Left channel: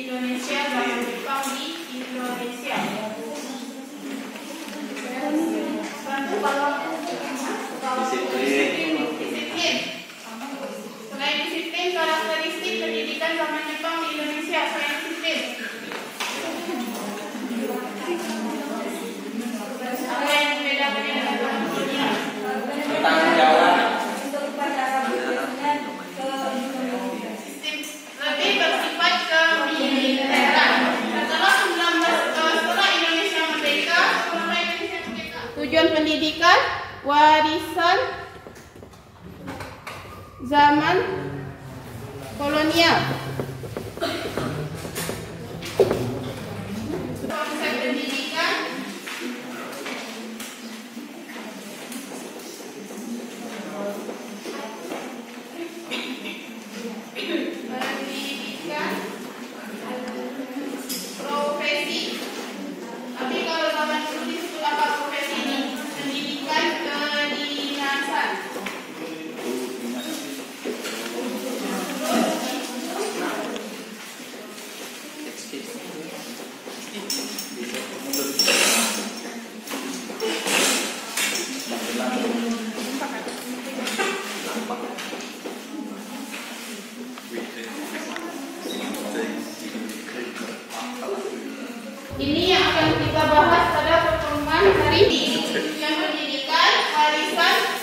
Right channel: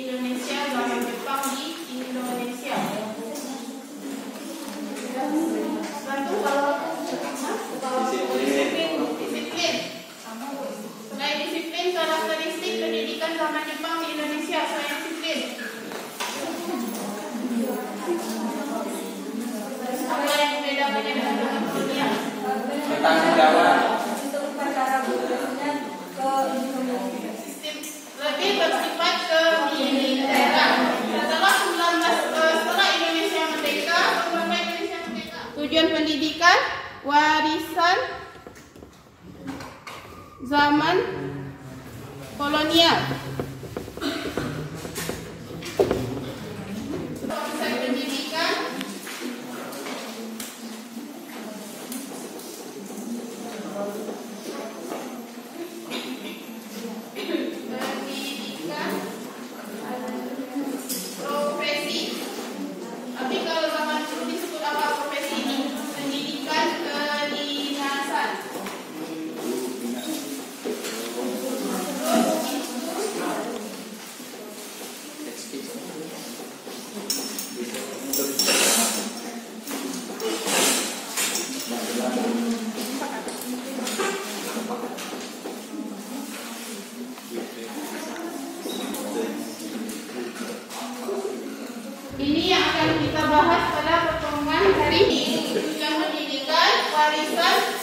Indonesia zaman Jepang di Indonesia. Bantu kalau disiplin. Selain disiplin, karakteristik pendidikan zaman Jepang di Indonesia selain disiplin. Apa yang membedakan dengan zaman kolonial? Bertanggung jawab. Lebih bersifat kemiliteran. Setelah Indonesia merdeka, tujuan pendidikan warisan zaman kolonial. Konsep pendidikan profesi. Tapi kalau zaman dulu disebut apa profesi ini? Pendidikan kedinasan. Ini yang akan kita bahas pada pertemuan hari ini. Tujuan pendidikan warisan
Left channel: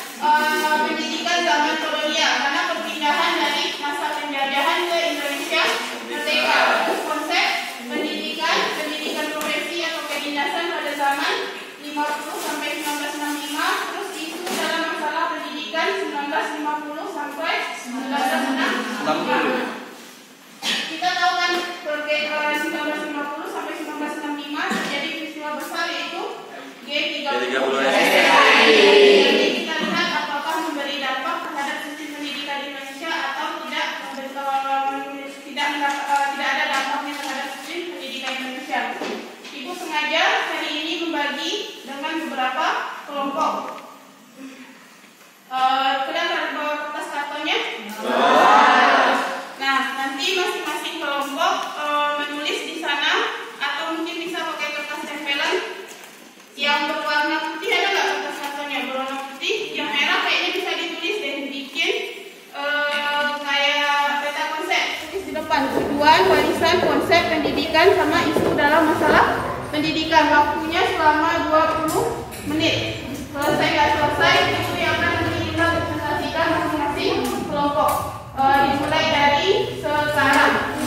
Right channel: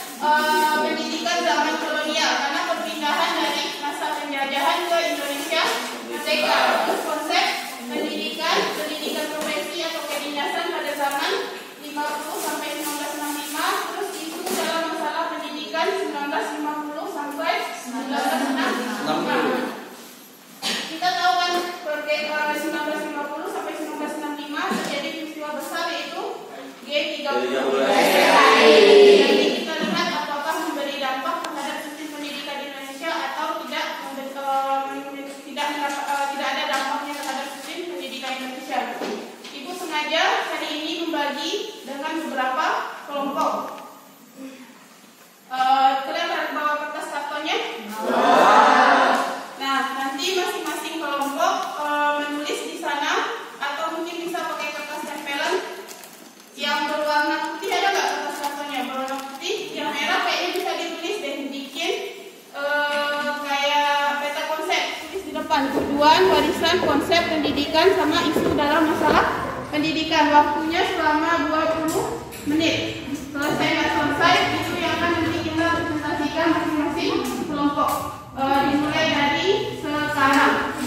pendidikan zaman kolonial, karena perpindahan dari masa penjajahan ke Indonesia merdeka. Konsep pendidikan profesi atau kedinasan pada zaman 50 sampai 1965, terus isu dalam masalah pendidikan 1950 sampai 1960. Kita tahu kan 1950 sampai 1965 terjadi peristiwa besar yaitu G30. Jadi kita lihat apakah memberi dampak terhadap sistem pendidikan Indonesia atau tidak ada dampaknya terhadap sistem pendidikan Indonesia. Ibu sengaja hari ini membagi dengan beberapa kelompok. Kelihatan di bawah kertas kartonnya? Nah, nanti masing-masing kelompok menulis di sana, atau mungkin bisa pakai kertas tempelan yang berwarna putih. Ada nggak kertas kartonnya berwarna putih? Yang merah kayaknya bisa ditulis dan bikin kayak peta konsep. Tulis di depan tujuan, warisan, konsep pendidikan, sama isu dalam masalah pendidikan. Waktunya selama 20 menit. Selesai nggak selesai, itu yang akan nanti kita presentasikan masing-masing kelompok. Dimulai dari sekarang.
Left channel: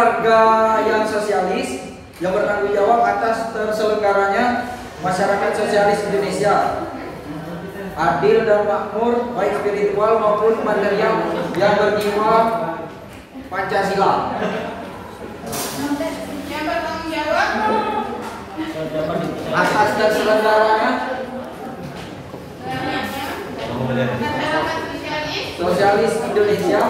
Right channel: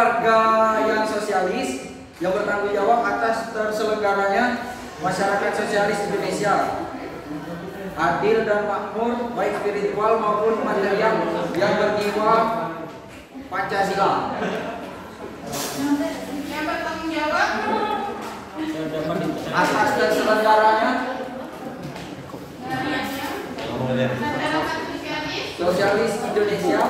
warga yang sosialis yang bertanggung jawab atas terselenggaranya masyarakat sosialis Indonesia, adil dan makmur baik spiritual maupun material, yang berjiwa Pancasila. Yang bertanggung jawab Atas terselenggaranya masyarakat sosialis Indonesia,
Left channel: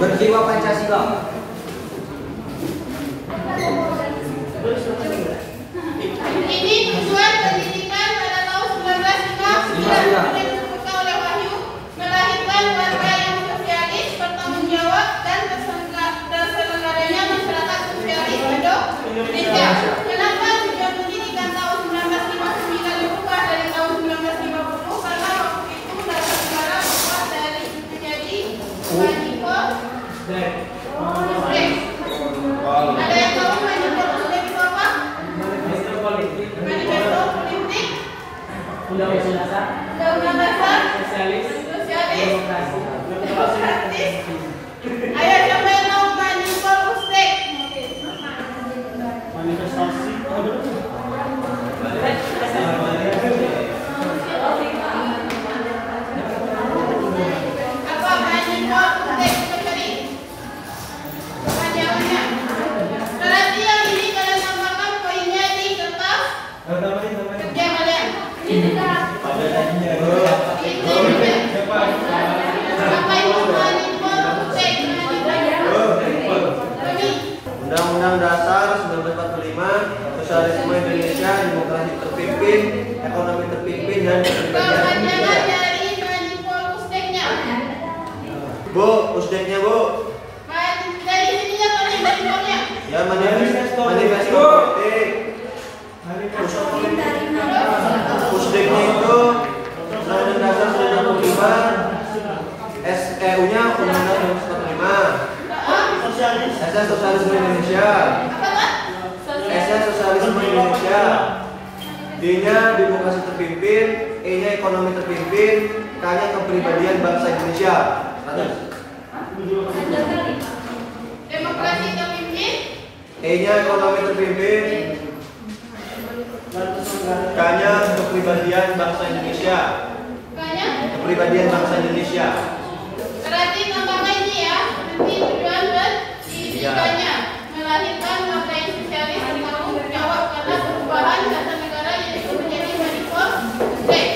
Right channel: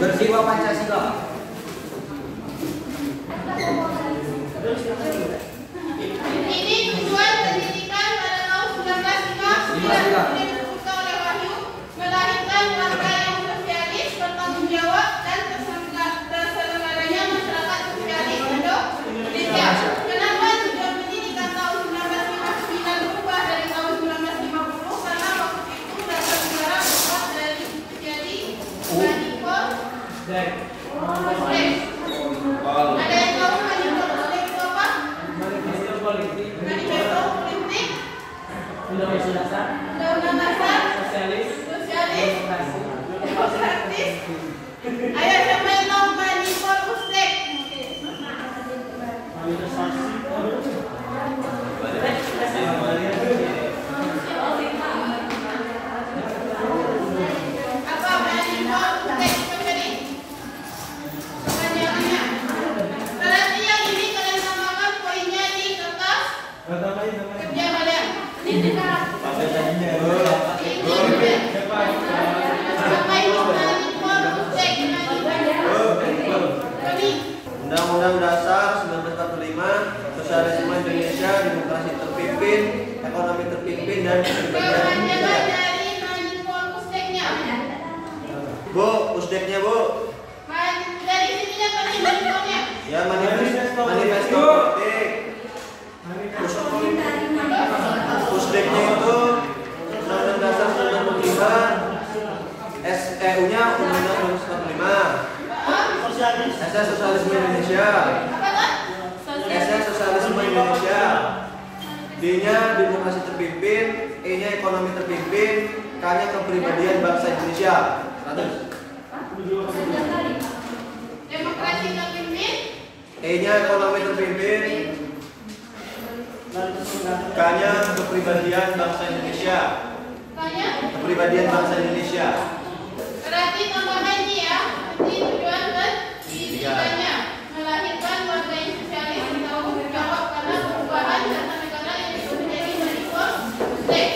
berjiwa Pancasila. Ini tujuan pendidikan pada tahun 1959 yang disebutkan oleh Wahyu, melahirkan warga yang sosialis, bertanggung jawab dan terselenggaranya masyarakat sosialis Indonesia. Kenapa tujuan pendidikan tahun 1959 berubah dari tahun 1950? Karena waktu itu mereka negara berubah dari menjadi manipul. Ada yang tahu manipul itu apa? Manifesto politik, Undang-undang dasar, sosialis, demokratis. Ayo siapa yang tahu manipul Ustek? Apa manipul Ustek? Cari kepanjangannya. Berarti yang ini kalian tambahkan poinnya di kertas kerja kalian. Apa itu manipul Ustek? Undang-Undang Dasar 1945, Sosialisme Indonesia, Demokrasi terpimpin, Ekonomi terpimpin, dan kepribadian Indonesia. Dari manipul Usteknya. Bu, Usteknya Bu. Dari sininya kalian manipulnya. Ya, manifesto politik. Usteknya itu Undang-Undang Dasar 1945, SEU-nya Undang-Undang 1945. SS Sosialisme Indonesia, SS Sosialisme Indonesia, D-nya demokrasi terpimpin, E-nya ekonomi terpimpin, K-nya kepribadian bangsa Indonesia. Demokrasi terpimpin. E-nya ekonomi terpimpin, K-nya kepribadian bangsa Indonesia. K-nya Kepribadian bangsa Indonesia. berarti tambahnya ini ya. Nanti tujuan dan pendidikannya melahirkan warga yang sosialis bertanggung jawab karena perubahan tata negara yang itu menjadi manipul Ustek.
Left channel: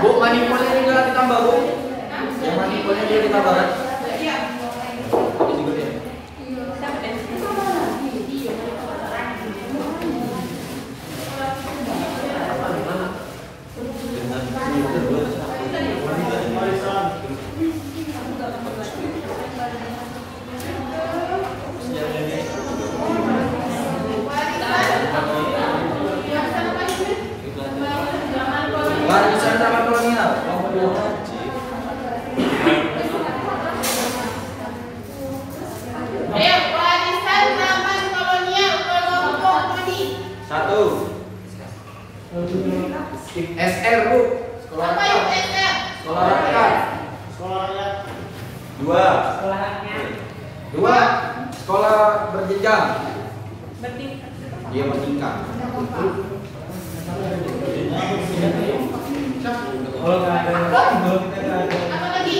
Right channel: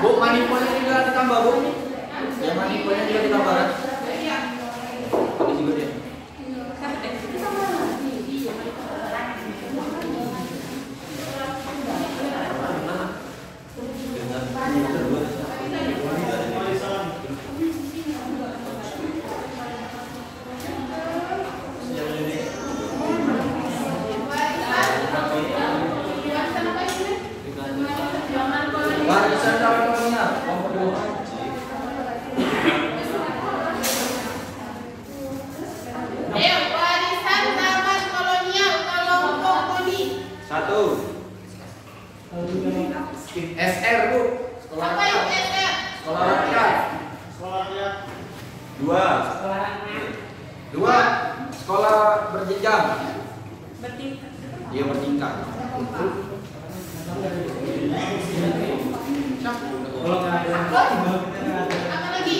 Bu, manipulnya tinggal ditambah, Bu. Yang manipulnya dia ditambahkan. Iya. Oke, singkat ya. Warisan dalam kolonial. Ayo, warisan zaman kolonial kelompok Budi. 1. SR, Bu. Sekolah Apa rakyat. itu SR? Sekolah rakyat. 2. 2. Sekolah berjenjang. Iya, bertingkat. Apa lagi?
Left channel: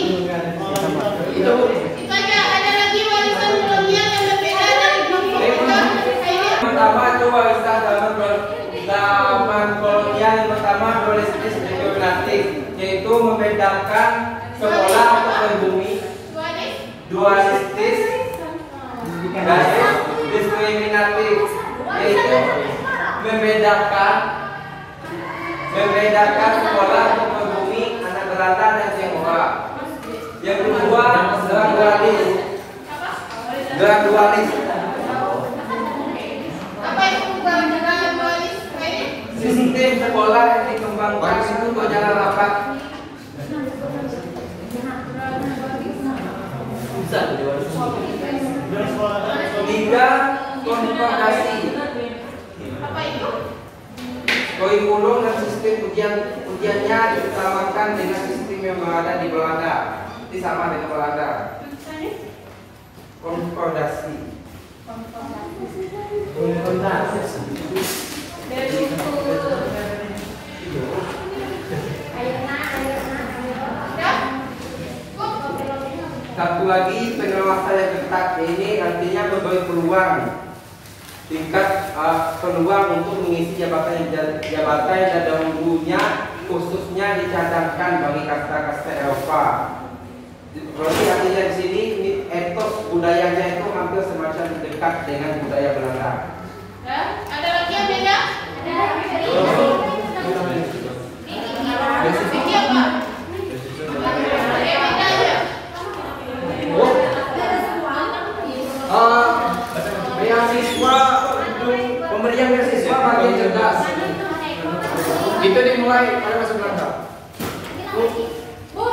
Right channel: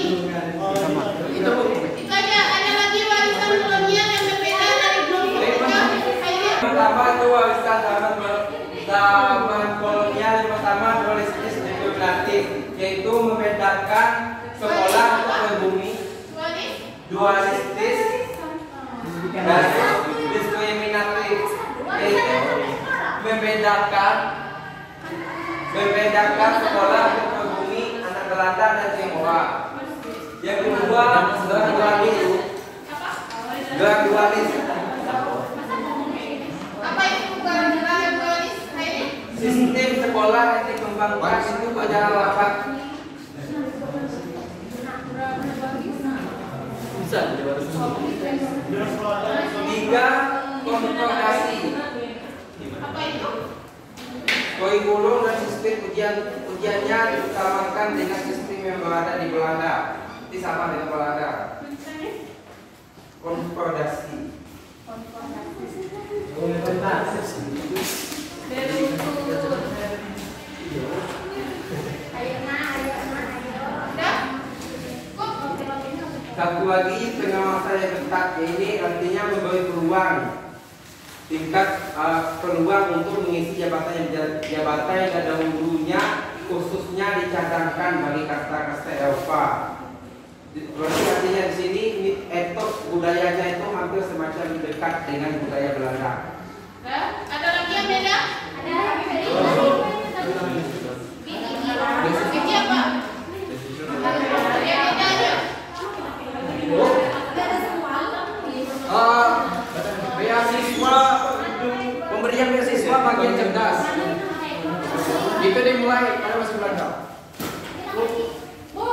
Itu, Bu. Itu aja. Ada lagi warisan kolonial yang berbeda dari kelompok kita. Ayo. Pertama itu warisan zaman kolonial. Yang pertama dualistis diskriminatif, yaitu membedakan sekolah untuk pribumi. Dualistis dan diskriminatif, yaitu membedakan sekolah untuk pribumi, anak berantah dan Tionghoa. Yang kedua, gradualis. Apa itu gerakan dualis? Sistem sekolah yang dikembangkan itu secara rapat. Tiga, konfrontasi. Apa itu? Kurikulum dan sistem ujiannya diutamakan dengan sistem yang ada di Belanda. Ini sama dengan Belanda. Konfrontasi. Satu lagi, pengawasan yang ketat ini artinya memberi peluang tingkat peluang untuk mengisi jabatan yang dahulunya khususnya dicadangkan bagi kasta-kasta Eropa. Berarti artinya di sini etos budayanya itu hampir semacam dekat dengan budaya Belanda. Ada lagi yang beda? Beasiswa, pemberian beasiswa bagi yang cerdas. Itu dimulai pada masa Belanda. Tiga lagi Bu.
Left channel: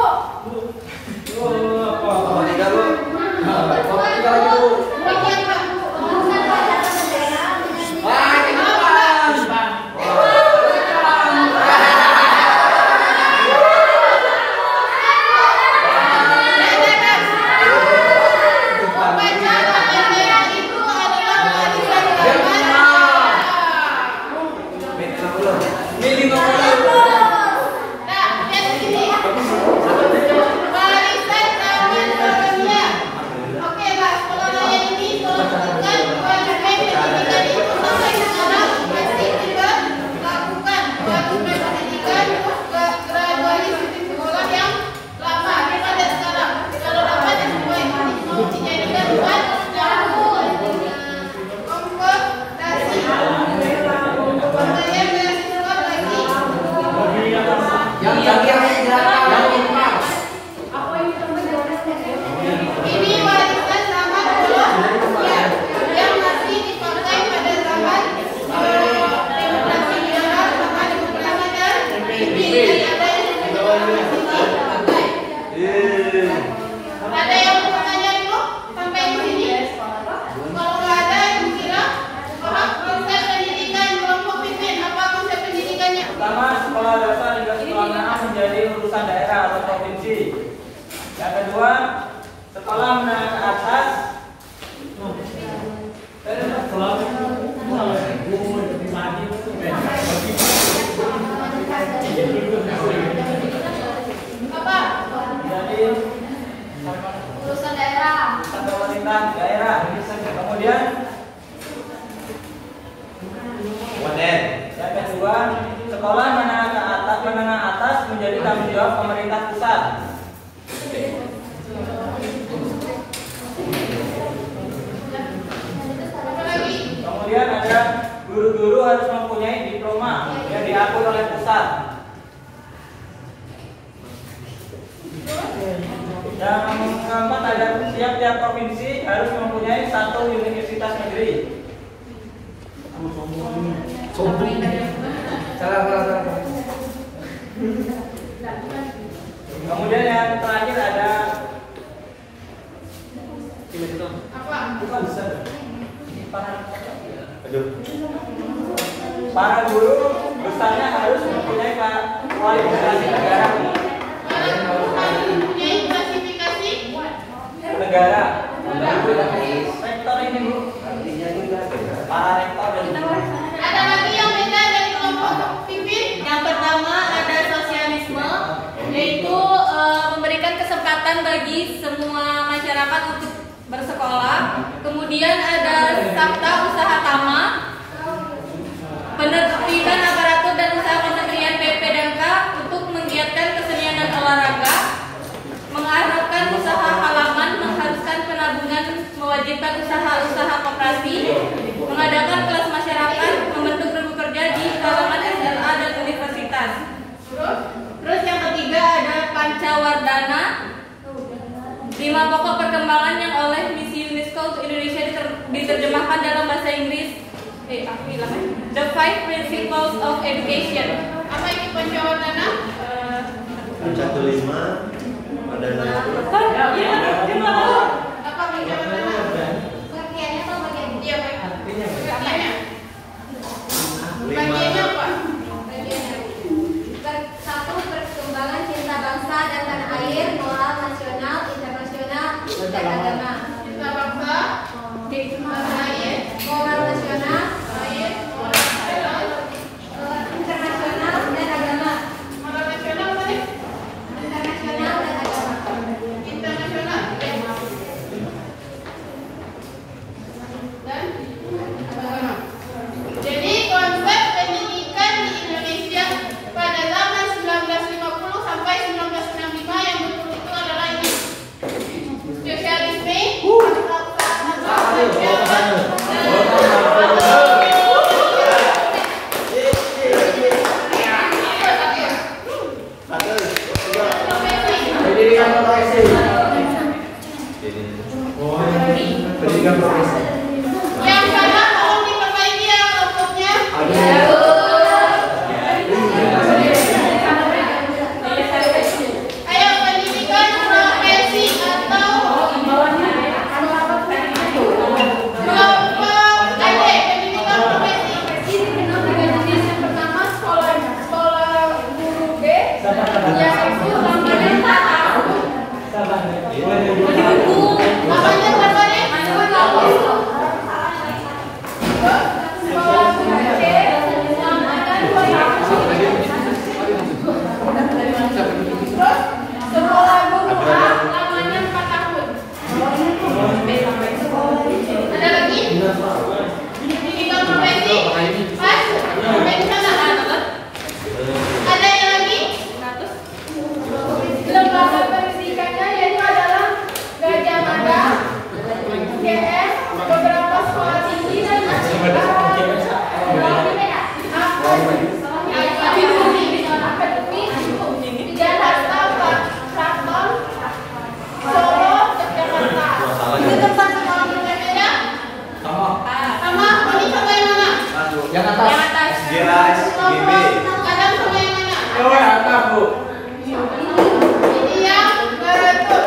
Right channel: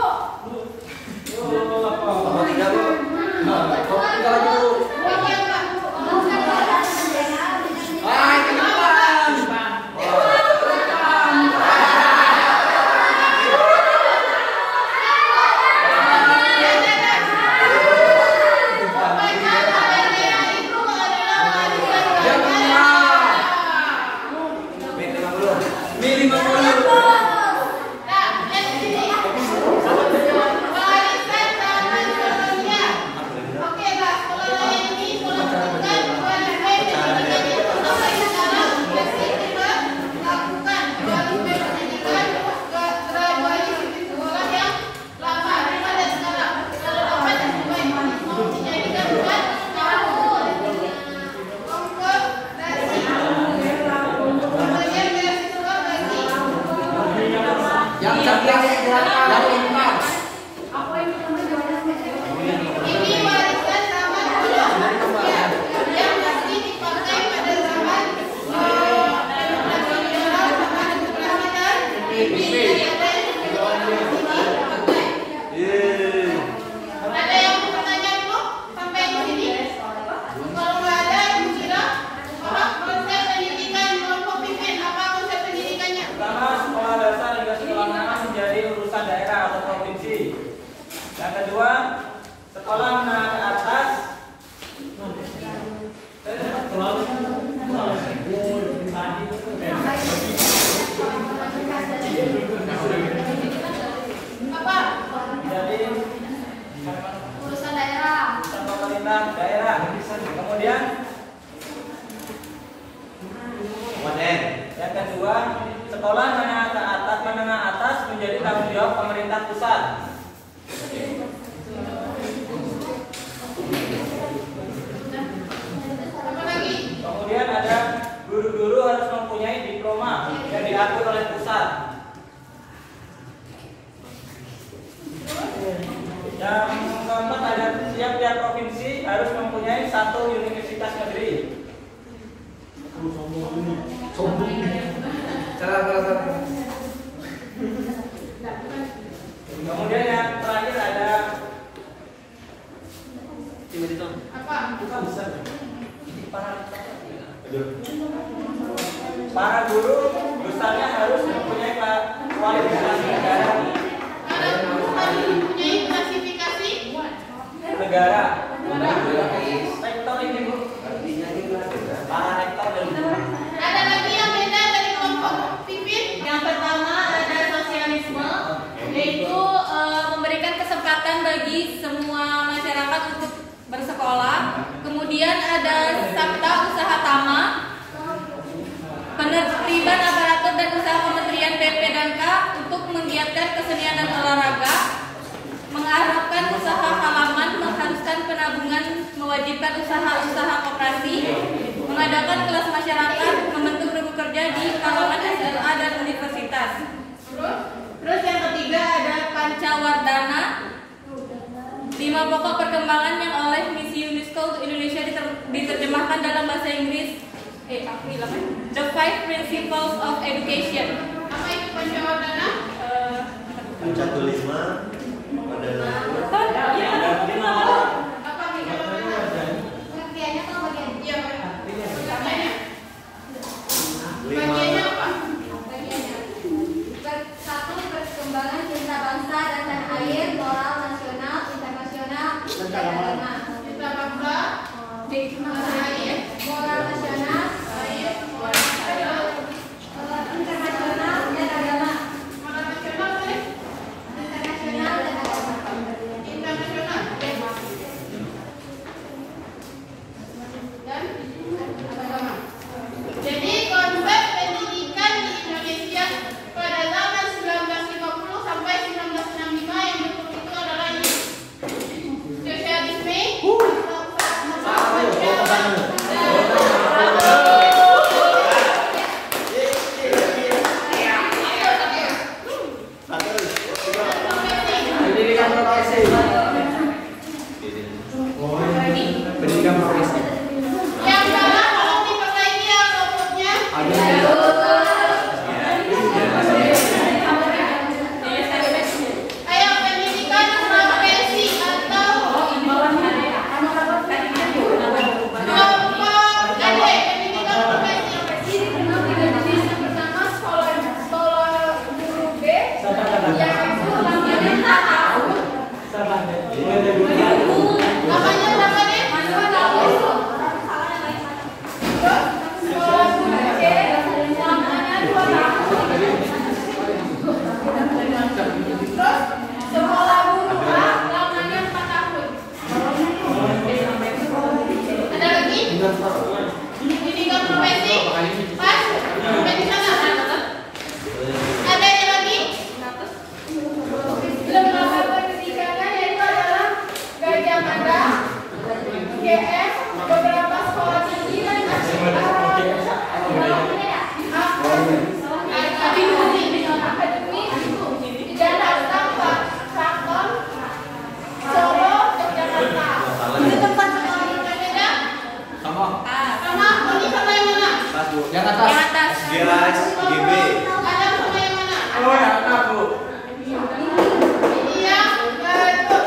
Ada yang mau tanya dulu sampai di sini? Kalau nggak ada, Ibu kira konsep pendidikan kelompok pimpin apa konsep pendidikannya? Pertama, sekolah dasar hingga sekolah menengah menjadi urusan daerah atau provinsi. Yang kedua, sekolah menengah ke atas. Apa? Jadi Urusan daerah. urusan pemerintah daerah. Kemudian yang kedua, sekolah menengah atas menjadi tanggung jawab pemerintah pusat. Apa lagi? Kemudian ada guru-guru harus mempunyai diploma yang diatur oleh pusat. Yang keempat ada tiap-tiap provinsi harus mempunyai satu universitas negeri. Kemudian yang terakhir ada Apa? para guru besarnya harus mempunyai kualifikasi negara. Mempunyai klasifikasi Negara. Rektor ini Bu. Para rektor dan ada lagi yang beda dari kelompok pimpin? Yang pertama ada sosialisme, yaitu memberikan kesempatan bagi semua masyarakat untuk bersekolah. Kemudian ada sabta usaha tama, penertiban aparatur dan usaha Kementerian PP dan K untuk menggiatkan kesenian dan olahraga, mengharapkan usaha halaman, mengharuskan penabungan, mewajibkan usaha-usaha koperasi, mengadakan kelas masyarakat, membentuk grup kerja di kalangan SLA dan universitas. Terus yang ketiga ada pancawardana, 5 pokok perkembangan yang oleh misi UNESCO untuk Indonesia diterjemahkan dalam bahasa Inggris. The 5 Principles of Education. Apa itu pancawardana? Pancatu 5 ada Apa pancawardana? Pengertiannya atau bagian? Iya, pengertiannya. Bagiannya apa? Pas? Sampai di sana. Ada yang lagi? Lembaga pendidikannya yaitu adalah Gajah Mada, GM, beberapa sekolah tinggi dan akademi dan hasta Kraton, Solo, Yogyakarta. Itu tempat sekolah yang berbeda? Sama, ini sama yang mana? Yang atas. Geras, GB. Kadang sama yang mana? Atas, Bu. Ini yang betul.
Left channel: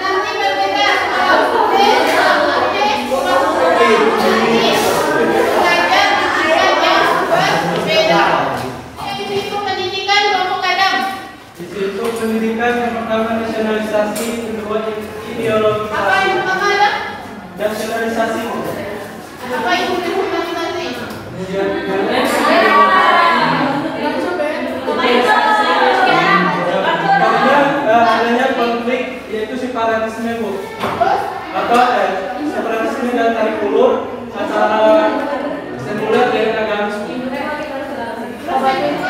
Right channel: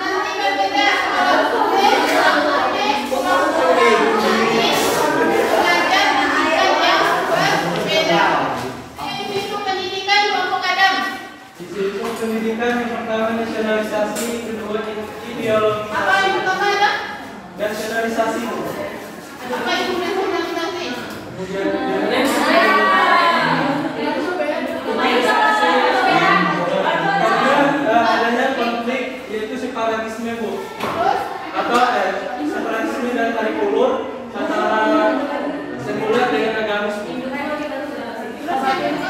Nanti berbeda. Kalau B, kalau D, kalau nanti belajar pendidikan yang berbeda. Isu pendidikan kelompok Adam. Isu pendidikan yang pertama nasionalisasi, kedua ideologi Apa yang pertama ada? nasionalisasi. Apa itu nasionalisasi? Kemudian adanya konflik yaitu separatisme, Bu. Terus Atau separatisme dan tarik ulur antara sekuler dan agamis. apa itu?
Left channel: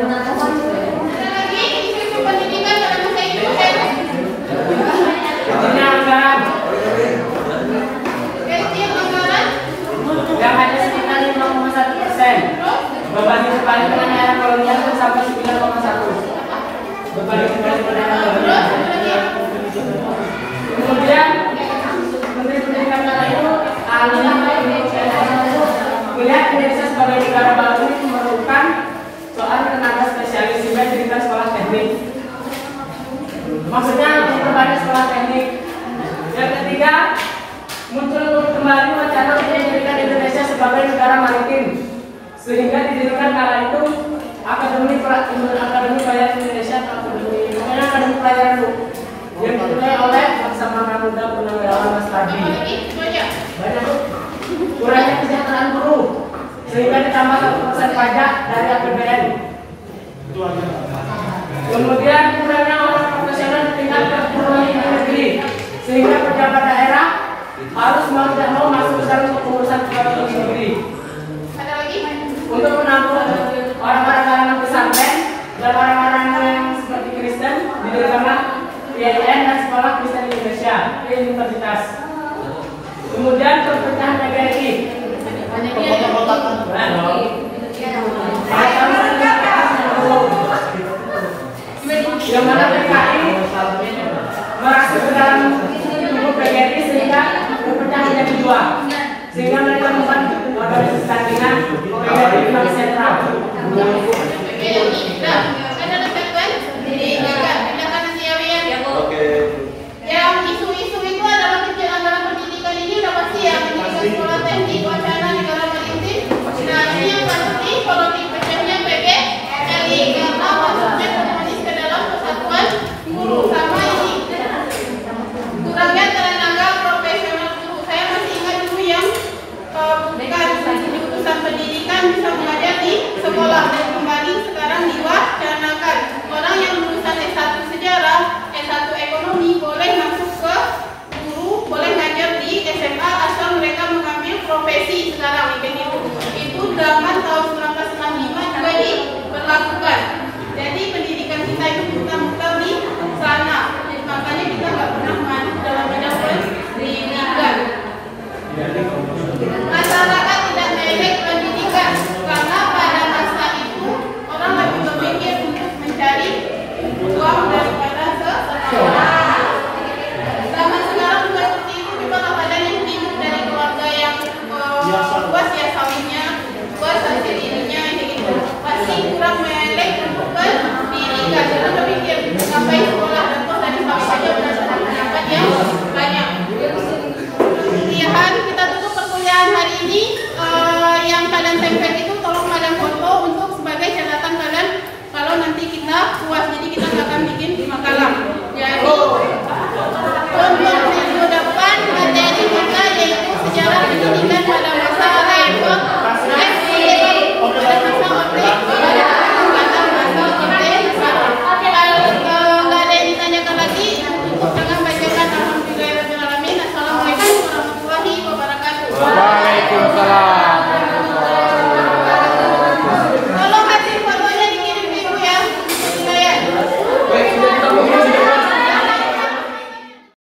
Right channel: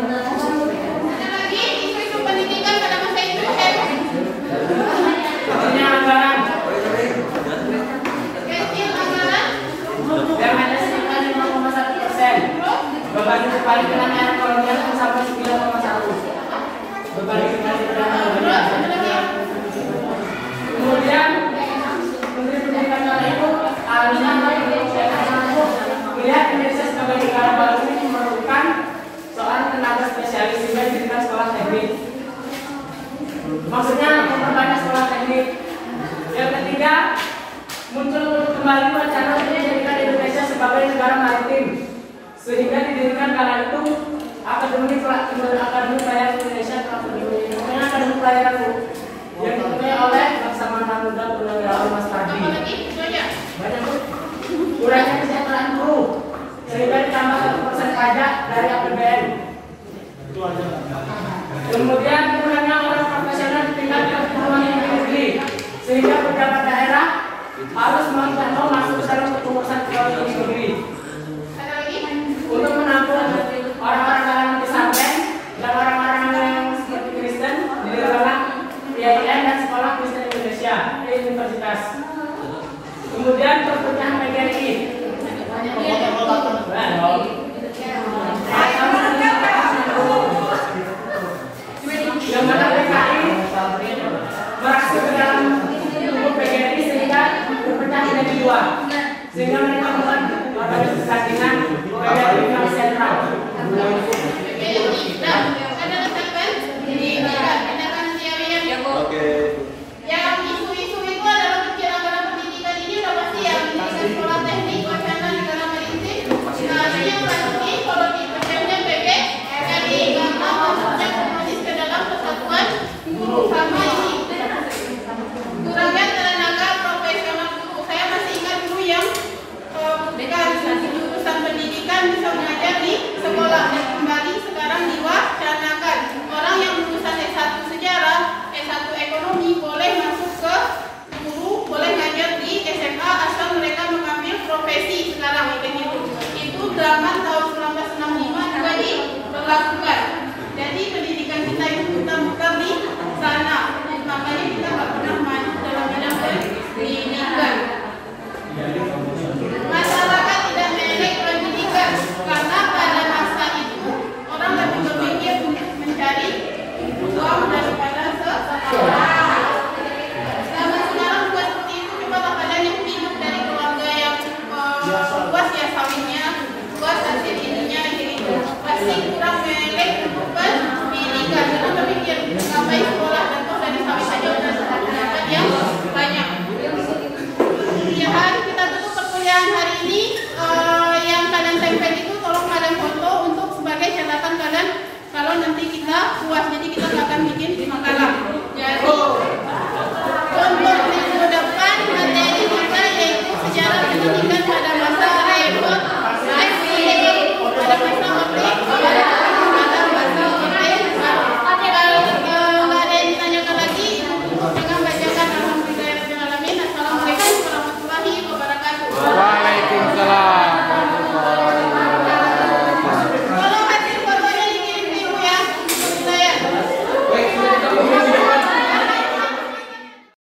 Ada lagi isu pendidikan pada masa itu Artinya anggaran kecil anggaran. yang hanya sekitar 5,1%. Berbanding kembali dengan era kolonial itu sampai 9,1. Berbanding kembali dengan era kolonial. Kemudian Menteri Pendidikan kala itu ahlinya melihat Indonesia sebagai negara baru ini memerlukan soal tenaga spesialis sehingga didirikan sekolah teknik. Maksudnya memperbanyak sekolah teknik. Yang ketiga, muncul kembali wacana untuk menjadikan Indonesia sebagai negara maritim, sehingga didirikan kala itu Akademi Pelayaran Indonesia atau Akademi Pelayaran yang diketuai oleh Laksamana Muda Purnawirawan Mas Pardi. Apa lagi? Itu aja. Banyak, Bu. Kurangnya kesejahteraan buruh, sehingga ditambah 1% pajak dari APBN. Kemudian kurangnya orang profesional di tingkat perguruan tinggi negeri, sehingga pejabat daerah harus mau tidak mau masuk ke dalam kepengurusan perguruan tinggi negeri. Ada lagi? Untuk menampung orang-orang kalangan pesantren dan orang-orang yang seperti Kristen, didirikanlah IAIN dan Sekolah Kristen Indonesia di Universitas. Kemudian perpecahan PGRI. Yang mana PKI merasa ke dalam tubuh PGRI sehingga berpecah menjadi dua, sehingga mereka membuat organisasi dengan PGRI Bank Sentral. Ada letakkan dijaga, tindakan nanti yang Oke. yang isu-isu itu adalah kecil anggaran pendidikan ini udah pasti yang menjadikan sekolah teknik wacana negara maritim. Nah ini yang pasti kalau di pecahnya PGRI karena maksudnya otomatis ke dalam persatuan guru sama ini kurangnya tenaga profesional guru. Saya masih ingat dulu yang bukan jurusan pendidikan bisa mengajar di sekolah dan kembali sekarang diwacanakan orang yang lulusan S1 sejarah, S1 ekonomi boleh masuk ke guru, boleh ngajar di SMA asal mereka mengambil profesi sekarang begitu. Itu zaman tahun 1965 juga diberlakukan. Jadi pendidikan kita itu muter-muter di sana. Makanya kita nggak pernah maju dalam bidang pendidikan. Masyarakat tidak melek pendidikan karena pada masa itu orang lebih berpikir untuk mencari uang daripada sekolah. Zaman sekarang juga seperti itu, coba keadaan yang hidup dari keluarga yang luas ya sawitnya, luas hasil ininya kayak gitu. Pasti kurang melek untuk pendidikan karena berpikir ngapain sekolah dan toh dari sawit saja udah dapat yang banyak. Kemudian kita tutup perkuliahan hari ini. Yang kalian tempel itu tolong kalian foto untuk sebagai catatan kalian kalau nanti kita puas. Jadi kita nggak akan bikin makalah. Jadi untuk minggu depan materi kita yaitu sejarah pendidikan pada masa reformasi.